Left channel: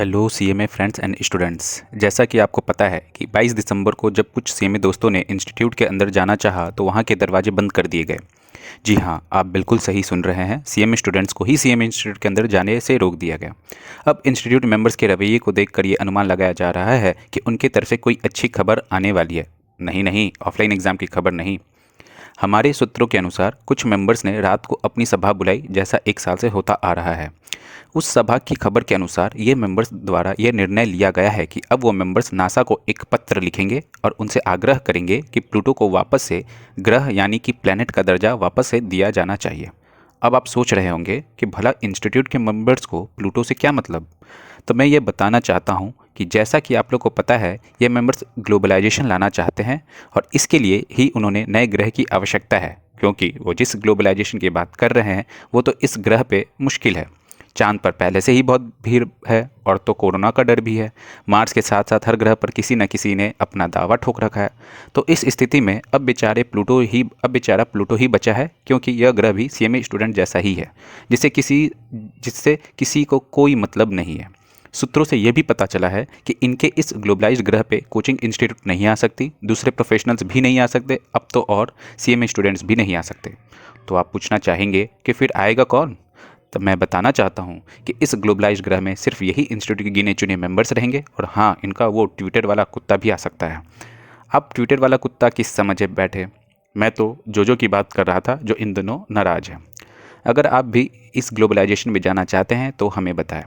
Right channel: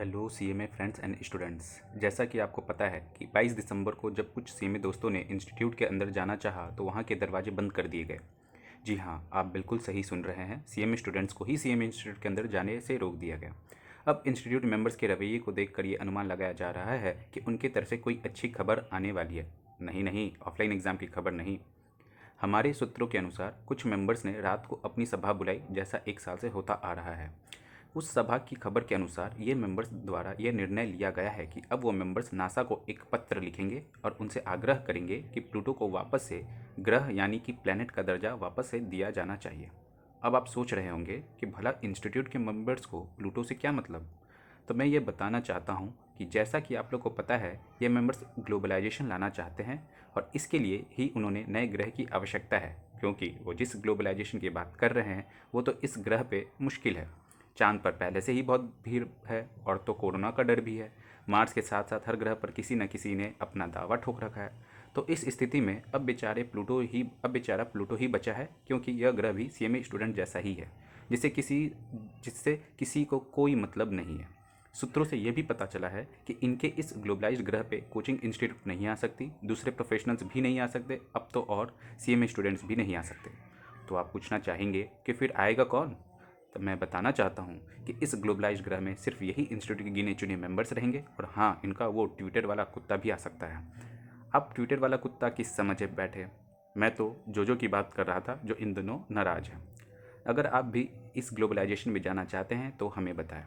Hello CMA friends and students. जैसा कि आपको पता है कि 22 दिसंबर को जब कुछ सीएमए दोस्तों ने इंस्टीट्यूट के अंदर जाना चाहा तो वहां के दरवाजे बंद कर दिए गए। जी हाँ, आप बिल्कुल सही सुन रहे हैं, सीएमए स्टूडेंट्स को ही सीएमए इंस्टीट्यूट के अंदर जाने से रोक दिया गया। अब इंस्टीट्यूट मेंबर्स के रवैये को देखकर ये अनुमान लगाया जा रहा है कि उनकी तरफ से कोई अच्छी खबर आने वाली है। नहीं नहीं, ऑफलाइन एग्ज़ाम की खबर नहीं। हमारे सूत्रों के अनुसार कुछ मेंबर्स ने रात को अपनी सभा बुलाई, जैसा 1 साल से होता आ रहा है। उस सभा की खबर के अनुसार ये मेंबर्स द्वारा यह निर्णय लिया गया है कि अब वो मेंबर्स नासा को एक पत्र लिखेंगे और उनसे आग्रह करेंगे कि प्लूटो को वापस से ग्रह यानी कि प्लैनेट का दर्जा वापस से दिया जाना चाहिए। अब आप सोच रहे होंगे कि भला इंस्टीट्यूट के मेंबर्स को प्लूटो से क्या मतलब। तो मैं ये बताना चाहता हूँ कि जैसा कि आप लोग को पता है, ये मेंबर्स ग्लोबलाइजेशन लाना चाहते हैं और इसके लिए ही उन्होंने नए ग्रह की आवश्यकता है, क्योंकि वो जिस ग्लोबलाइजेशन की बात कर रहे हैं वो तो इस ग्रह पे मुश्किल है। चांद पर पहले से ही बहुत भीड़ है और तो कोरोना का डर भी है। मार्स के साथ साथ हर ग्रह पर किसी न किसी ने अपना दावा ठोक रखा है। तो इस स्थिति में अब बेचारा प्लूटो ही बचा है, क्योंकि यह ग्रह भी सीएमए स्टूडेंट जैसा ही है, जिससे किसी को कोई मतलब नहीं है। सूत्रों से यह भी पता चला है कि इनके इस ग्लोबलाइज्ड ग्रह पे कोचिंग इंस्टीट्यूट नहीं आ सकती, दूसरे प्रोफेशनल्स भी नहीं आ सकते, अब तो और सीएमए स्टूडेंट्स भी नहीं आ सकते। तो आप पूछना चाहेंगे कि फिर आएगा कौन। तब मैं बताना चाहता हूँ कि इस ग्लोबलाइज्ड ग्रह में सिर्फ यही इंस्टीट्यूट के गिने चुने मेंबर्स रहेंगे, और हाँ, इनका वो ट्विटर वाला कुत्ता भी आ सकता है। अब ट्विटर वाला कुत्ता किस समझे बैठे, मैं तो जोजो की बात कर रहा था, जो इन दिनों नाराज़ है। अगर आप भी इस ग्लोबलाइजेशन में जाना चाहते हैं तो हमें बताएं।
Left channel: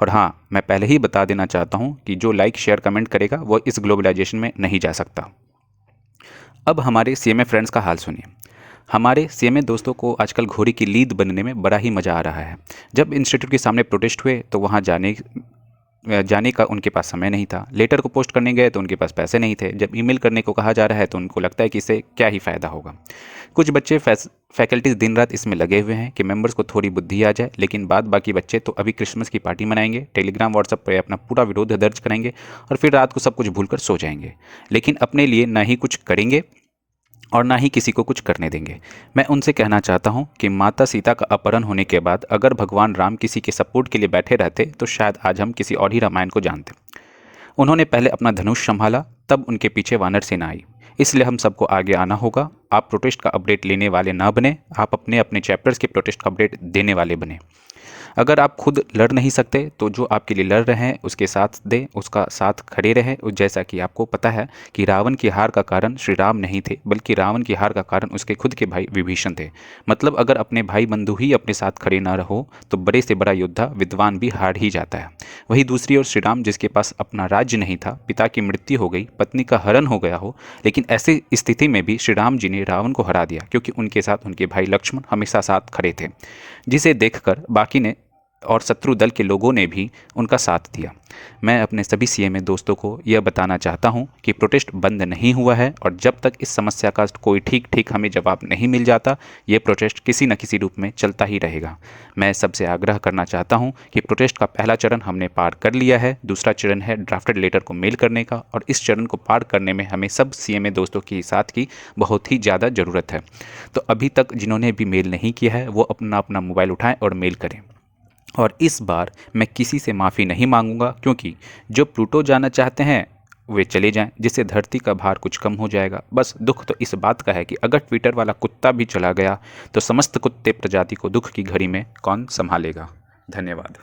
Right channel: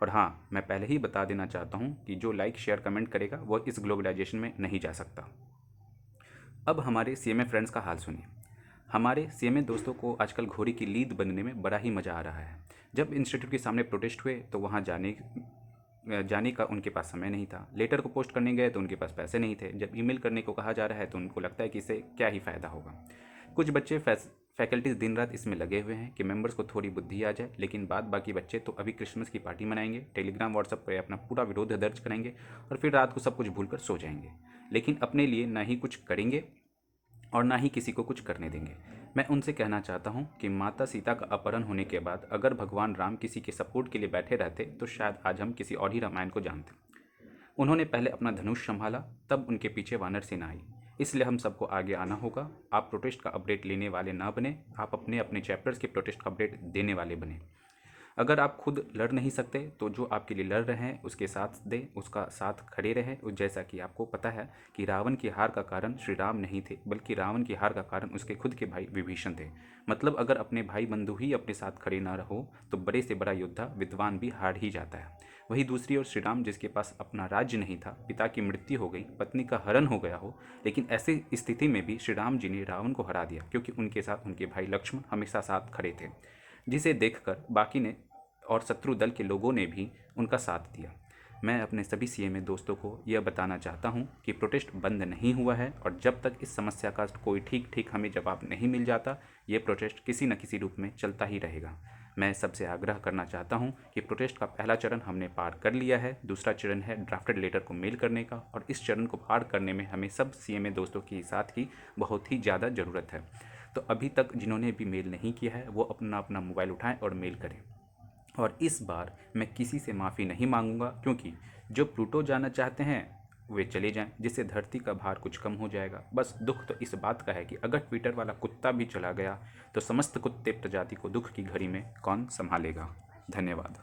और हाँ, मैं पहले ही बता देना चाहता हूँ कि जो लाइक शेयर कमेंट करेगा वो इस ग्लोबलाइजेशन में नहीं जा सकता। अब हमारे सीएमए फ्रेंड्स का हाल सुनिए। हमारे सीएमए दोस्तों को आजकल घोड़ी की लीद बनने में बड़ा ही मज़ा आ रहा है। जब इंस्टीट्यूट के सामने प्रोटेस्ट हुए तो वहाँ जाने जाने का उनके पास समय नहीं था। लेटर को पोस्ट करने गए तो उनके पास पैसे नहीं थे। जब ईमेल करने को कहा जा रहा है तो उनको लगता है कि इससे क्या ही फ़ायदा होगा। कुछ बच्चे फैकल्टीज दिन रात इसमें लगे हुए हैं कि मेंबर्स को थोड़ी बुद्धि आ जाए, लेकिन बाद बाकी बच्चे तो अभी क्रिसमस की पार्टी मनाएंगे, टेलीग्राम व्हाट्सएप पर अपना पूरा विरोध दर्ज करेंगे और फिर रात को सब कुछ भूलकर सो जाएंगे। लेकिन अपने लिए ना ही कुछ करेंगे और ना ही किसी को कुछ करने देंगे। मैं उनसे कहना चाहता हूँ कि माता सीता का अपहरण होने के बाद अगर भगवान राम किसी के सपोर्ट के लिए बैठे रहते तो शायद आज हम किसी और ही रामायण को जानते। उन्होंने पहले अपना धनुष संभाला, तब उनके पीछे वानर सेना आई। इसलिए हम सबको आगे आना होगा। आप प्रोटेस्ट का अपडेट लेने वाले ना बने, आप अपने अपने चैप्टर्स के प्रोटेस्ट का अपडेट देने वाले बने। अगर आप खुद लड़ नहीं सकते तो जो आपके लिए लड़ रहे हैं उसके साथ दें, उसका साथ खड़े रहें। और जैसा कि आपको पता है कि रावण की हार का कारण श्री राम नहीं थे, बल्कि रावण की हार का कारण उसके खुद के भाई विभीषण थे। मतलब अगर अपने भाई बंधु ही अपने साथ खड़े ना रहो तो बड़े से बड़ा योद्धा विद्वान भी हार ही जाता है। वहीं दूसरी ओर श्री राम, जिसके पास अपना राज्य नहीं था, पिता की मृत्यु हो गई, पत्नी का हरण हो गया हो, लेकिन ऐसी स्थिति में भी श्री राम जी ने रावण को हरा दिया, क्योंकि उनके साथ उनके भाई लक्ष्मण हमेशा साथ खड़े थे, जिसे देखकर बाकी ने और शत्रु दल के लोगों ने भी उनका साथ दिया। मैं अपने सभी सीएमए दोस्तों को यह बताना चाहता हूं कि प्रोटेस्ट बंद नहीं हुआ है, और जब तक इस समस्या का कोई ठीक हमें जवाब नहीं मिल जाता, ये प्रोटेस्ट किसी न किसी रूप में चलता ही रहेगा। मैं सबसे आग्रह करना चाहता हूं कि प्रोटेस्ट का पहला चरण हमने पार कर लिया है, दूसरा चरण है ड्राफ्टेड लेटर को मेल करने का, और इस चरण को पार करने में हमें सब सीएमए दोस्तों के साथ की बहुत ही ज़्यादा ज़रूरत है। तो अभी तक जिन्होंने भी मेल नहीं किया है वो अपना अपना मोबाइल उठाएँ और मेल करें। और इस बार मैं किसी से माफ़ी नहीं मांगूंगा, क्योंकि जो प्लूटो जाना चाहते हैं वे चले जाएं, जिससे धरती का भार कुछ कम हो जाएगा। बस दुख तो इस बात का है कि अगर ट्विटर वाला कुत्ता भी चला गया तो समस्त कुत्ते प्रजाति को दुख की घड़ी में कौन संभालेगा। धन्यवाद।